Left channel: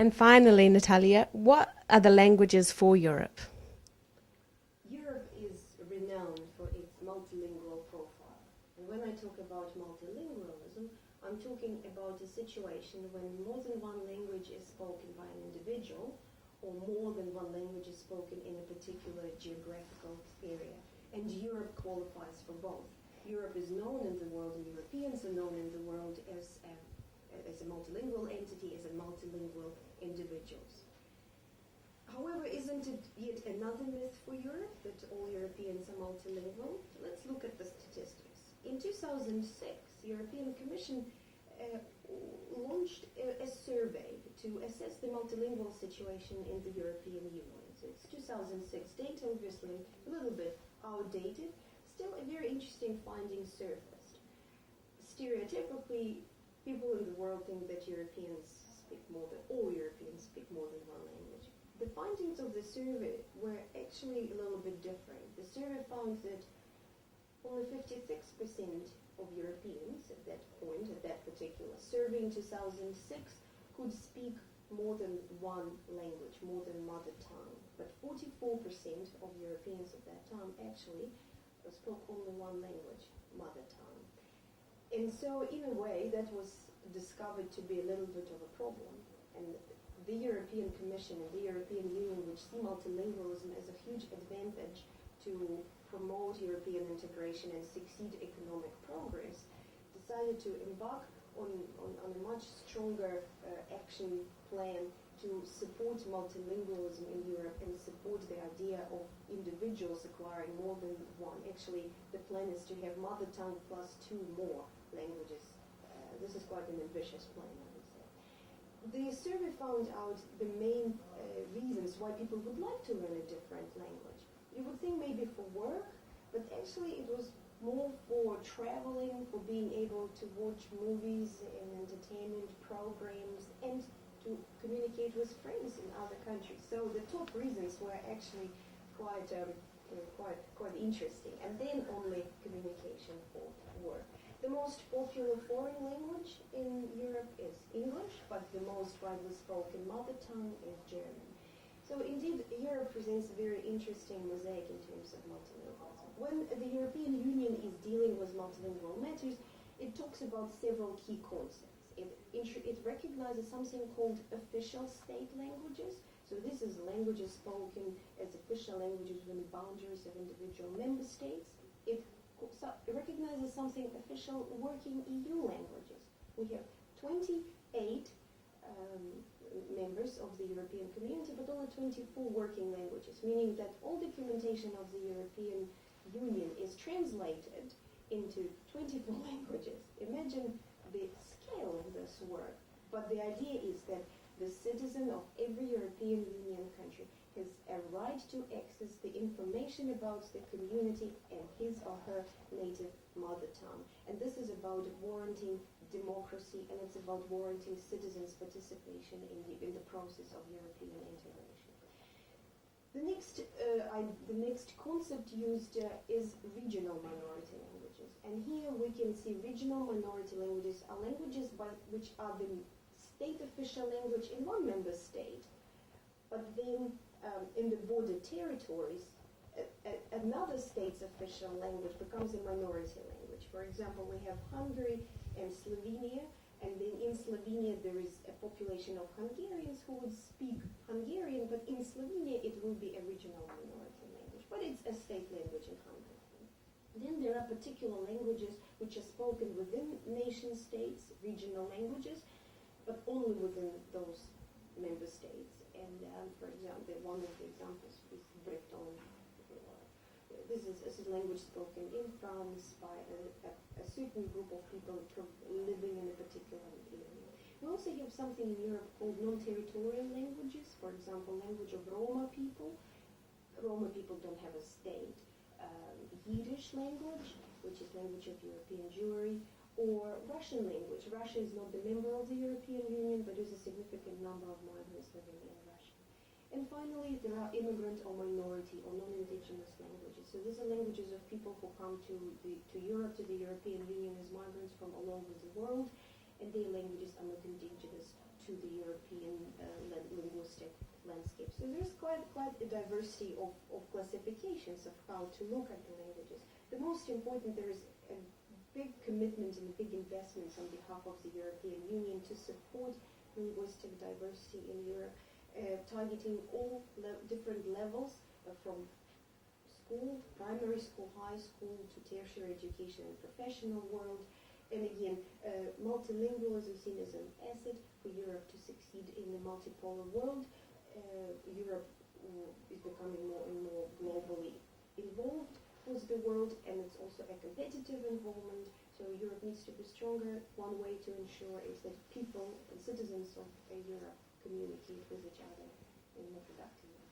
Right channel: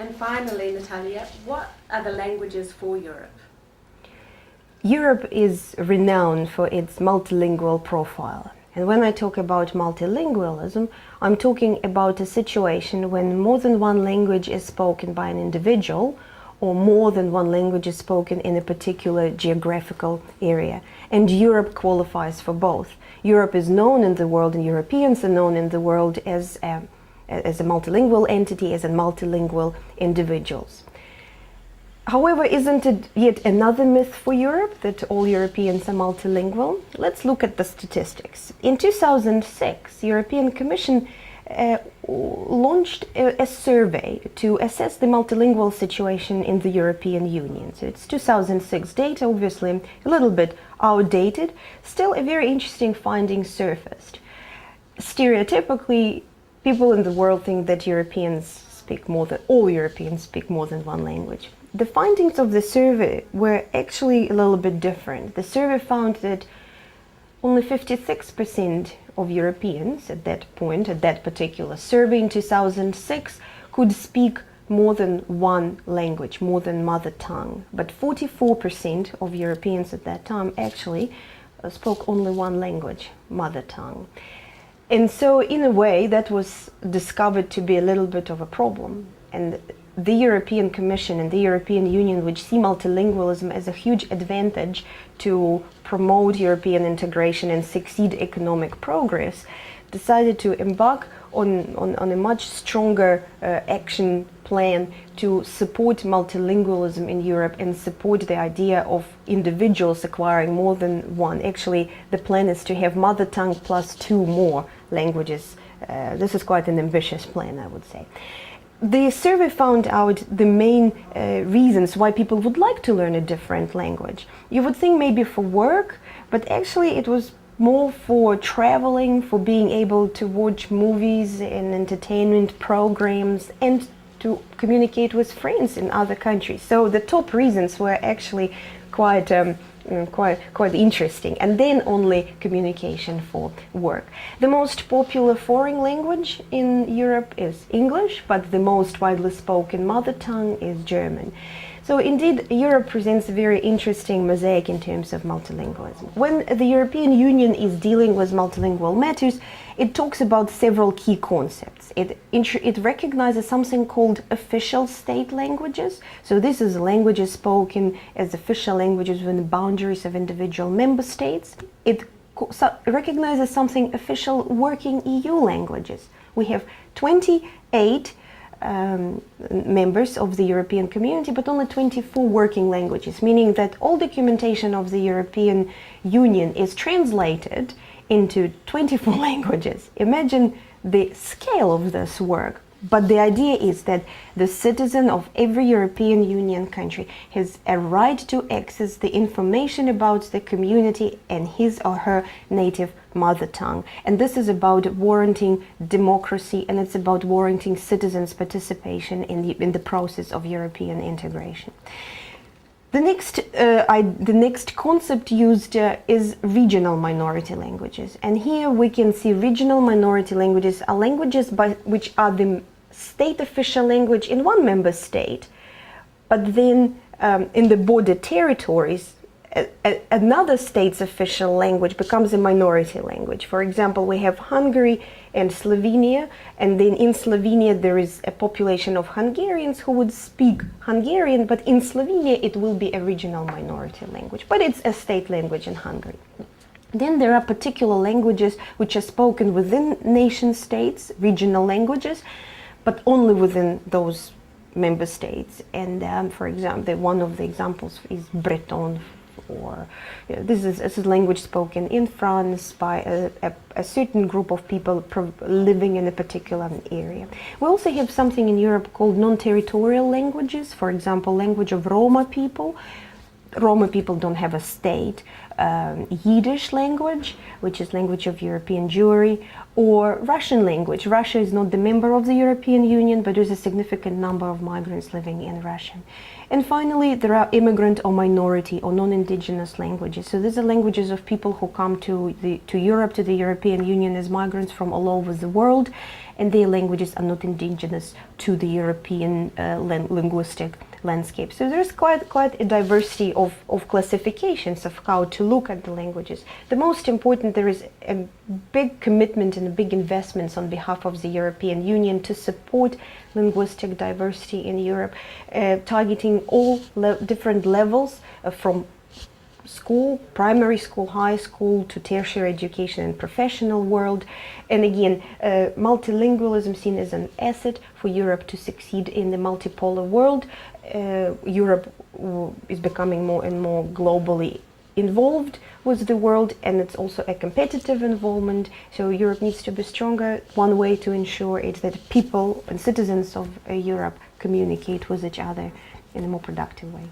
And finally, Natalia, what are the languages for Europe? Europe is renowned for its multilingual profile. And when I talk about multilingualism, I'm talking about a situation when more than one language is spoken by an individual, or more than one language is spoken in a particular geographical area. And Europe qualifies for both. Europe is known in the world, and Europeans are known in the world as a multilingual entity, as a multilingual individuals. However, isn't it yet another myth for Europe that all Europeans are multilingual? Let's look at the statistics. In 2006, the European Commission launched a survey to assess the multilingual situation in the European Union. So it's 2006 data, obviously a little bit outdated. Still, a very interesting finding surfaced. Stereotypically, people in the world think that all Europeans speak more than one language. The findings of the survey were actually a little bit different. The survey found that only 56% of Europeans at that point, at that particular survey in 2006, could speak more than one language, more than mother tongue. But 44% of Europeans at that time actually spoke only one language, mother tongue. And so, in a way, that was discovered to be a little bit of a problem. And the European Commission and the European Union, which see multilingualism as a huge advantage to promote European integration and succeed economic progress, decided to embark on a much stronger action plan to support multilingualism in Europe and support the idea of individuals acquiring more than one. Actually, the plan is to have mother tongue plus 2 more languages. This is quite an ambitious plan, I would say. The survey found out the main reasons why people would like to learn a different language. You would think maybe for work, but actually it was more for traveling, for being able to watch movies and entertainment programs, and to communicate with friends in other countries. So the top reasons were actually quite interesting, and then only communication for work. The most popular foreign language in Europe is English, but the most widely spoken mother tongue is German. So indeed, Europe presents a very interesting mosaic in terms of multilingualism. When the European Union is dealing with multilingual matters, it talks about several key concepts. It recognizes something called official state languages. So this is languages spoken as official languages within the boundaries of individual member states. It recognizes something official working EU languages. We have 28 members of the European community, but only 24 working languages, meaning that all documentation of the European Union is translated into 24 languages. Imagine the scale of this work. But the idea is that the citizen of every European Union country has a right to access the information about the community in his or her native mother tongue. And this is about warranting democracy, and it's about warranting citizens' participation in the process of European integration. The next concept used is regional minority languages. And here we can see regional minority languages are languages which are the state official language in one member state, but then in the border territories, another state's official language becomes a minority language. For example, we have Hungary and Slovenia, and then in Slovenia there is a population of Hungarians who would speak Hungarian, but in Slovenia it will be a regional minority language, but it's a state language in Hungary. Then there are particular languages which are spoken within nation states, regional languages, but only within those member states. And for example, one of the examples is Breton, or this is a language spoken in France by a certain group of people living in a particular area. We also have something in Europe called non-territorial languages. For example, language of Roma people. Roma people don't have a state. Yiddish language, which is language of European Jewry, or Russian language. Russia is not the member of the European Union, but there's a significant number of migrants living in Russia. And finally, there are immigrant or minority or non-indigenous languages. So these are languages of people who come to Europe, to the European Union as migrants from all over the world. and their languages are not indigenous to the European linguistic landscape. So there's quite a diversity of classifications of how to look at the languages. The most important, there is a big commitment and a big investments on behalf of the European Union to support linguistic diversity in Europe, targeting all different levels from school, primary school, high school, to tertiary education and professional world. And again, multilingualism seen as an asset for Europe to succeed in the multipolar world. Europe is becoming more and more globally involved with the world, and it's also a competitive involvement. So Europe needs to be stronger. One way to ensure it that people and citizens of Europe communicate with each other in a more productive way.